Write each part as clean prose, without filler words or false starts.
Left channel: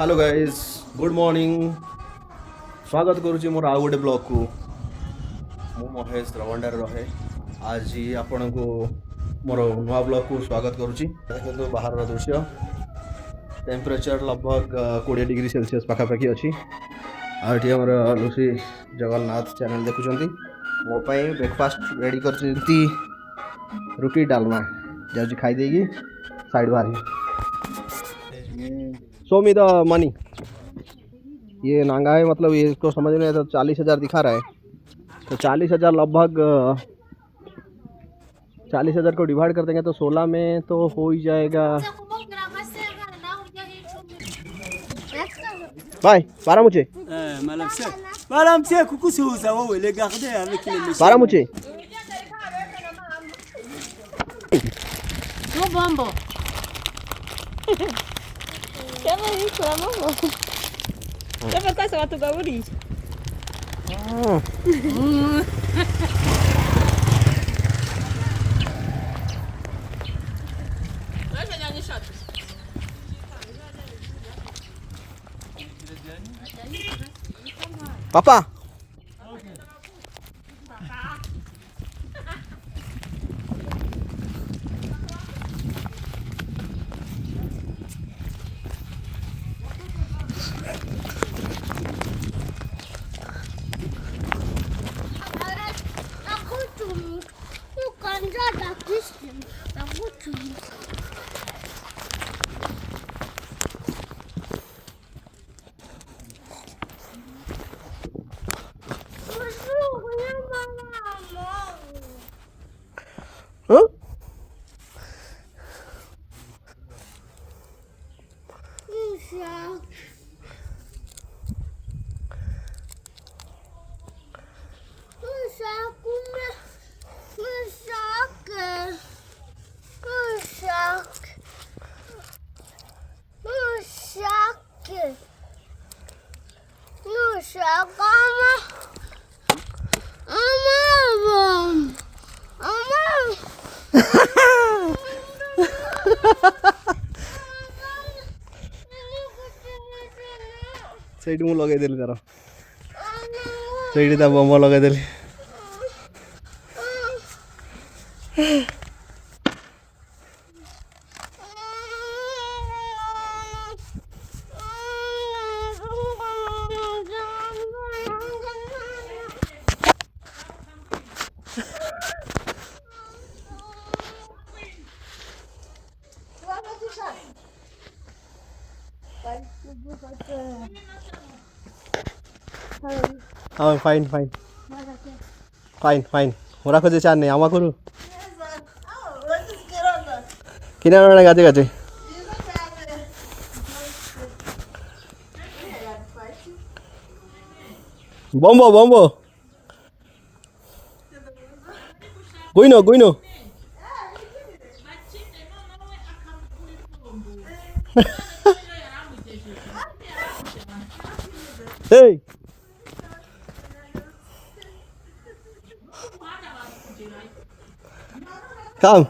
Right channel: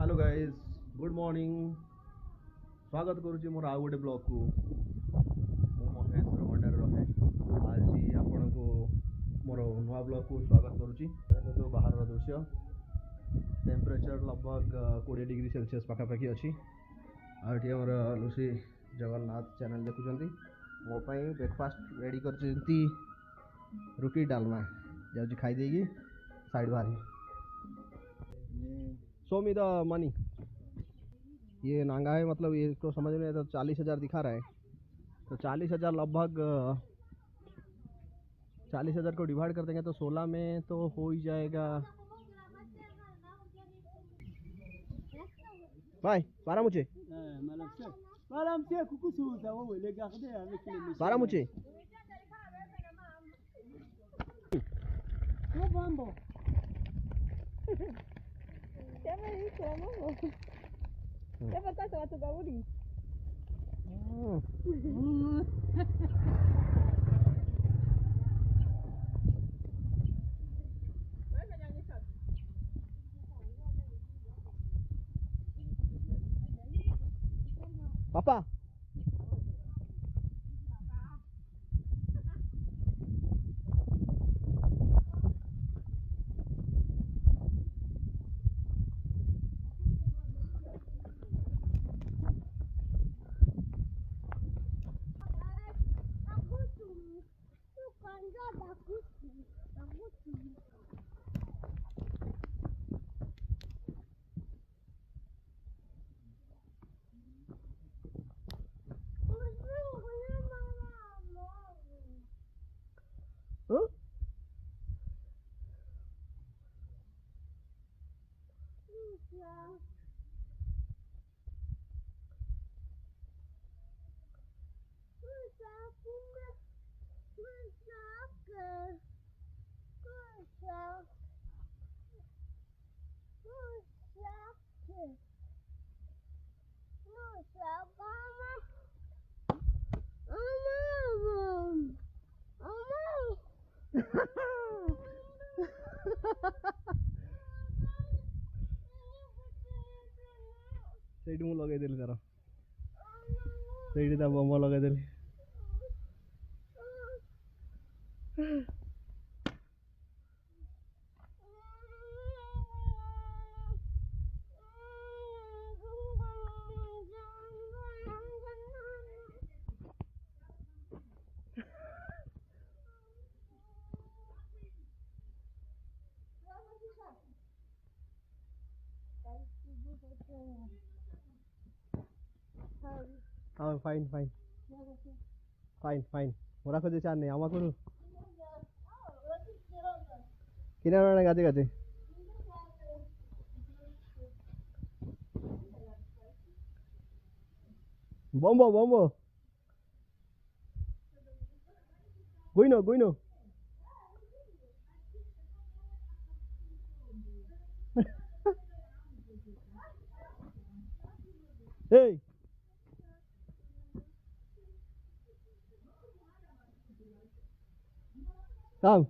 Hello guys, good morning. स्वागत करुच्ची मोर आउ गोटे ब्लॉग को। मु महेश रवंडार रहे। आज आपण को मोर नुआ ब्लॉग को स्वागत करुच्ची। देखो बाहर दृश्य टेम्परेचर लगभग 20 डिग्री सेल्सियस पाखापाखि अच्छी। आठ लुसी जगन्नाथ चैनल देखुं मो ब्रेकफास्ट रेडी कर रुटी डालमा जाऊँ खाईदे साइड बाहर शो मी द मनी। ये नांगा है, मतलब ये इसको समझ में तो 40,000 दिखा रहा है। तो 40,000 लगभग 40,000 को डिवाइड कर देंगे तो 16 में तो हो ही जाएगा। भाई 12 मुझे बारह मुझे Siapa tahu sama tu gauri? पापा Aku cuma bukan ada Kristen. Aku cuma. Musuhnya mama. Huh? Musuh. ସେଇଠି ମୁଁ ଲଗେଇଦେଲି ତାର ସେଇଠି ତା ବମ୍ବ ଲଗେଇଦେଲି। हाँ फाइन फाइन फाइन फाइन मोरा खोजे चार नहीं आमा करू किना गाते गाते बम्बो बम्बो गुइनो गुइनो hey come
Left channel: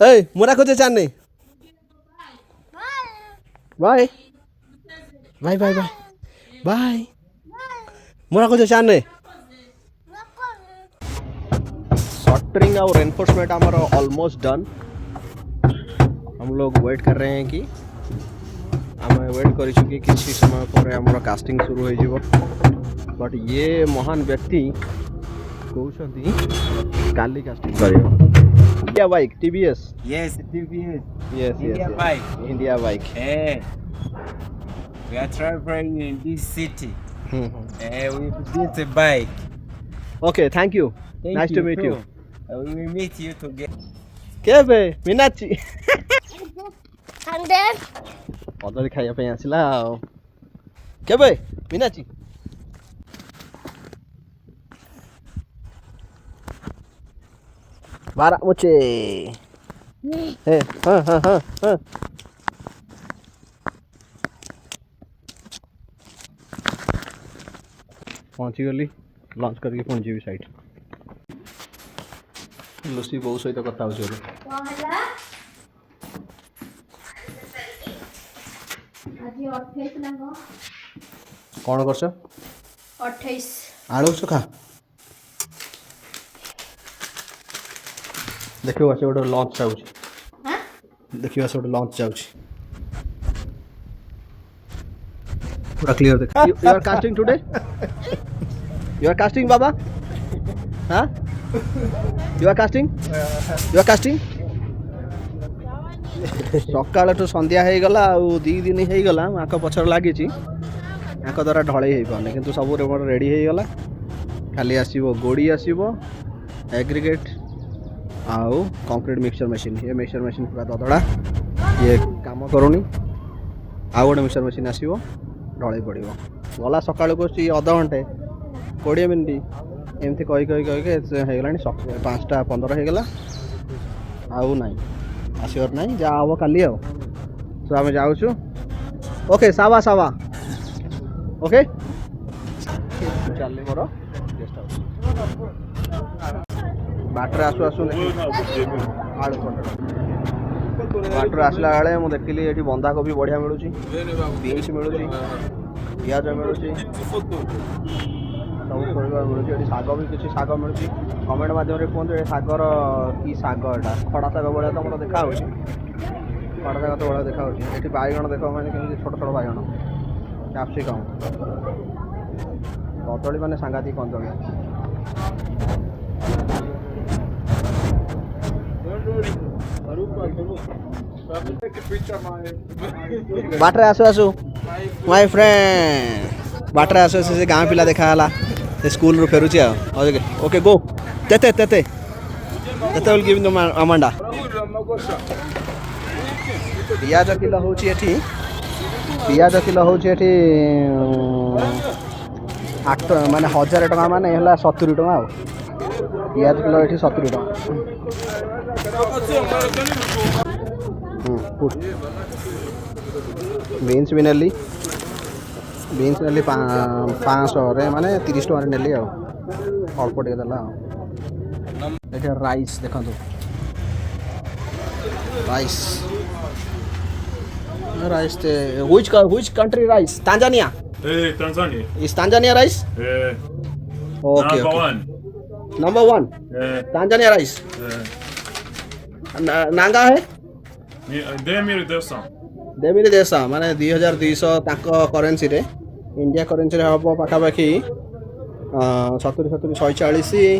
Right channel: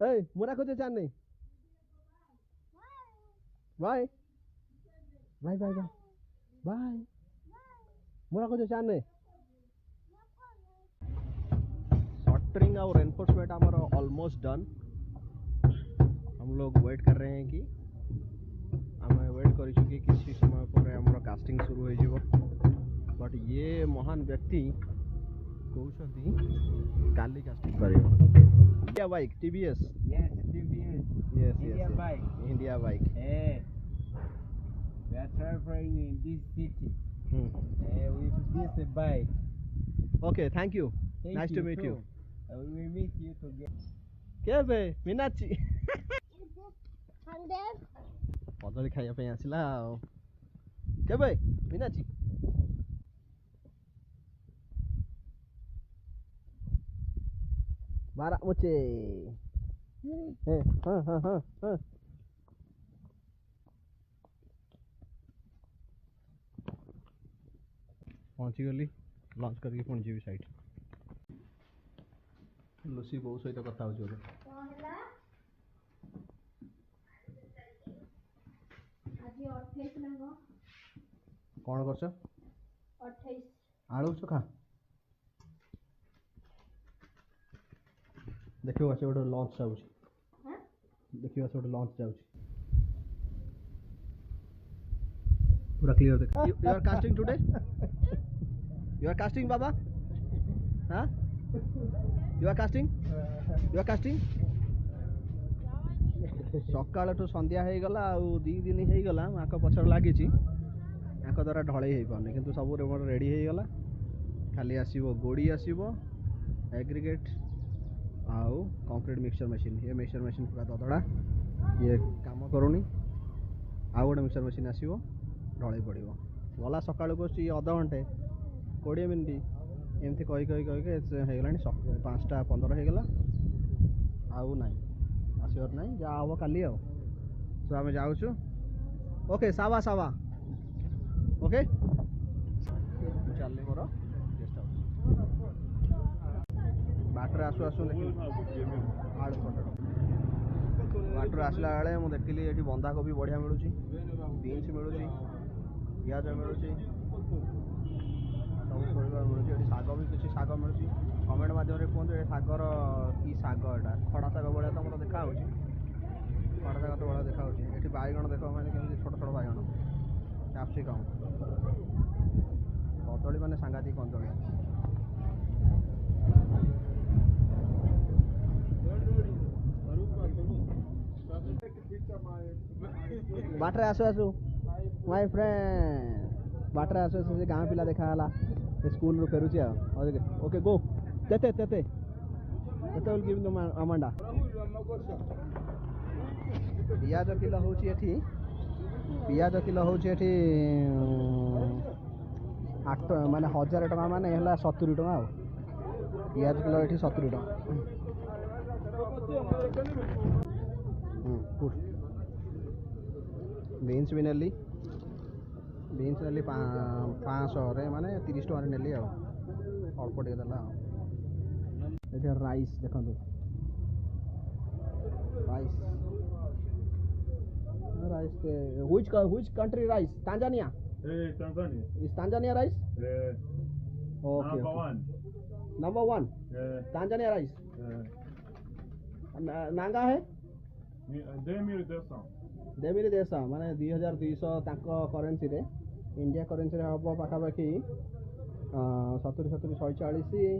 hey मोरा खोजे चार नहीं bye bye bye bye bye मोरा खोजे चार नहीं शॉर्टरिंग और एनफोर्समेंट हमारा ऑलमोस्ट डन। हम लोग वेट कर रहे हैं कि आम वेट कर किसी समय पर आमर कास्टिंग शुरू हो जीवो। बट ये महान व्यक्ति कहते काली कास्टिंग कर India bike TVS. Yes, TVS. Yes, India yes, yes. bike. India bike. We are traveling in this city. Mhm. With this bike. Okay, thank you. Thank Nice to meet too. you. We will meet you together. केबे Meenakshi And then कदली खाइया पे आसिला केबे मीनाक्षी बारा मुचे हे हाँ हाँ हाँ हाँ पहुँची गली लंच करके पुणी जी साइड लुसी बो सहित कथा हो कौन कर 28 आलू चोखा देखियो से गोटे लंच जाऊँ देखियो से गोटे लंच जाऊँ पूरा क्लियर देख you are casting today you are casting बाबा हाँ यू आर कास्टिंग सकाल तो संध्या हो गला आ दी दिन हो गला आंख पछर लगी आंख द्वारा ढलई हो पाने किंतु सब रेडी हो गला खाली आसो गोड़ी आसो एग्रीगेट आउ कंक्रीट मिक्सचर मशीन ये मिक्सचर मशीन पूरा ददड़ा ये काम करूनी आउ गोटे मिक्सचर मशीन आसो ढलई पड़ गला सका अध घंटे 20 मिनिट एमती कही होगला 5टा 15 होगला आउ ना आसवर ना जहाँ हम काली तो आम जाऊँ ओके सावा सावा ओके चल मोर गेस्ट हाउस बाटर आसु आसु आलू बाटर आसला बेले मुझे देखिली ये बंधाकोबी बढ़िया मिलूँ बीन्स मिलूँ पिज मिलूँ सब परिवार मिलूँ शाग भी किसी शाग मिलूँ कमेंट मध्यम कहते ये शागर कि शाग एटा खड़ा शाग भाया तो मतलब देखा खड़ा शाग तो भाया देखा ये बैगण देख मैंने केमी छोट छोट बैगण कैप्सिकम कदली मैंने सांघातिक कदली बाटर आसु आसु माय फ्रेंड बाटर आसु आसु से गाँ पिला देखा स्कूल रू फेरुची ओके गो तेते तेते तेते विल गिव अमांडा पियाज किलो होची एठी पियाज किलो होची एठी 8 माने 1000 टका माने हला 70 टका पियाज किलो एठी 70 टका बीन्स भी नेली 500 माने 30 टका नेली अल्प टे देला ये राइस देखो rice which country rice Tanzania Tanzania. is Tanzania rice Number okay one. number 1 Tanzania rice Nanga है Demir Desan. देवी देश माने 2200 ताको करेन्सी रे इंडिया करेन्सी रे हम पाखापाखि 70 140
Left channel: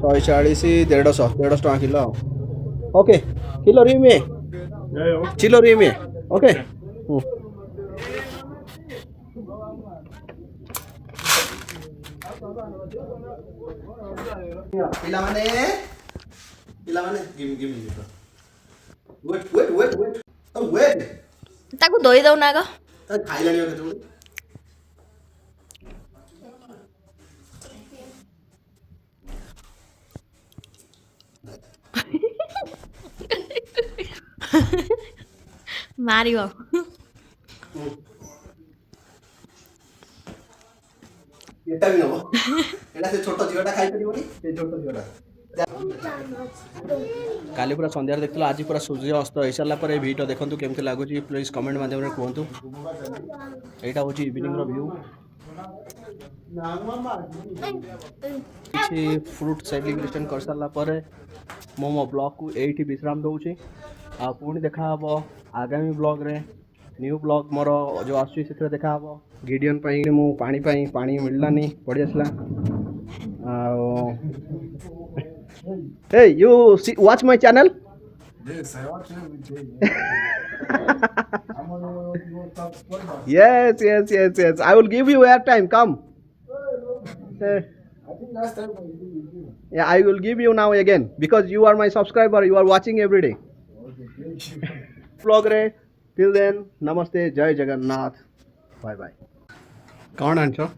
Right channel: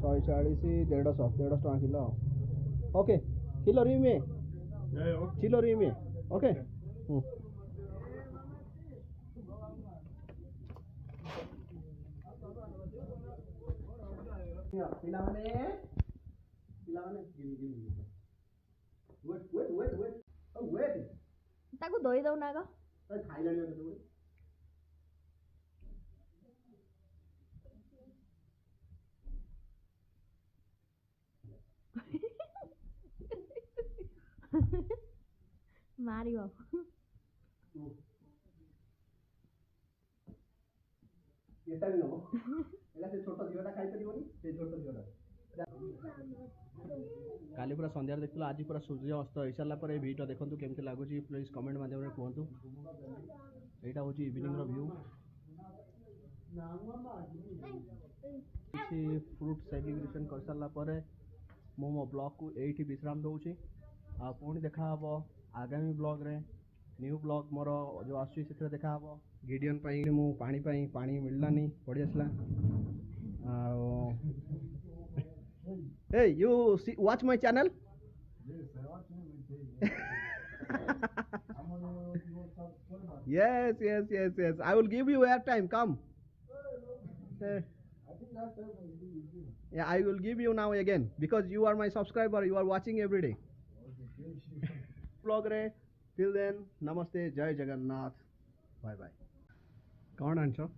150 टका किलो ओके किलो रिमे चिलो रिमे ओके पिला माने गिव मी वेट ताकू दोई दो ना खाइलानी केतबेले मारियो एटा भी नबो एटा से छोटो झियोटा खाइ परिबोनी से छोटो झियोटा काली पूरा संध्यार देखल आज पूरा सूर्य अस्त हो सारा पर भिडियो देखो केमती लगुच प्लीज कमेंट मध्यम कहतु यहाँ हूँ इवनिंग व्यू किसी फ्रूट सेलिब्रेशन कर सारा पर मो मो ब्लॉग को यही विश्राम दूसरी आ पुणी देखा आगामी ब्लॉग रे न्यू ब्लॉग मोर जो आसुची देखा गिडियन मु पानी मिललानी पड़ी आसला Hey, you watch my channel? Yes, I watch every day. Yes. I will give you airtime. Come. I think last time I did. Yeah, I will give you now again because you are my subscriber. You are watching every day. Okay, thank you. Vlog re. Till then, namaste, Jai Jagannath. Bye bye. कौन answer?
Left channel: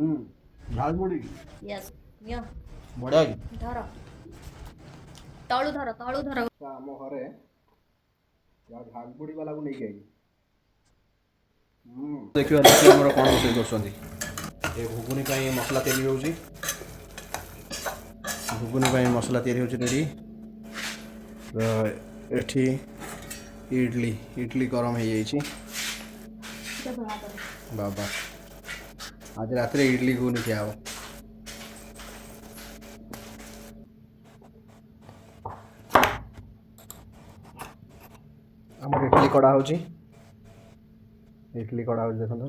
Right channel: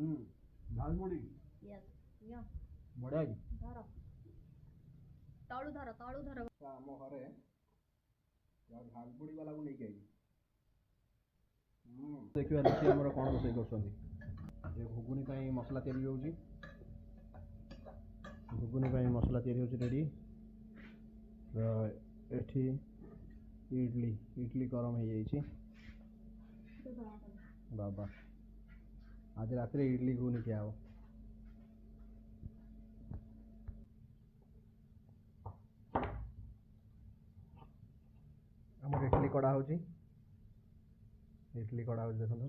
ଝାଲ ମୁଢ଼ି yes neo ବଢ଼ିଆ କି धर तळू धर ଆମ ଘରେ ଝାଲ ମୁଢ଼ି ବାଲାକୁ ନେଇକି ଆଇଲି ଦେଖିବା ଦେଖିବା ଆମର କ'ଣ ରୋଷେଇ କରୁଛନ୍ତି ଏ ଘୁଗୁନି ପାଇଁ ମସଲା ତିଆରି ହେଉଛି ଘୁଗୁନି ପାଇଁ ମସଲା ତିଆରି ହେଉଛି ରେଡ଼ି ଏଠି ଇଡଲି ଗରମ ହେଇଯାଇଛି ବାବା ଆଜି ରାତିରେ ଇଡଲି ଘୁଗୁନି ଖିଆ ହେବ ଆମର ଇଡଲି କଡ଼ା ହେଉଛି ଦେଖନ୍ତୁ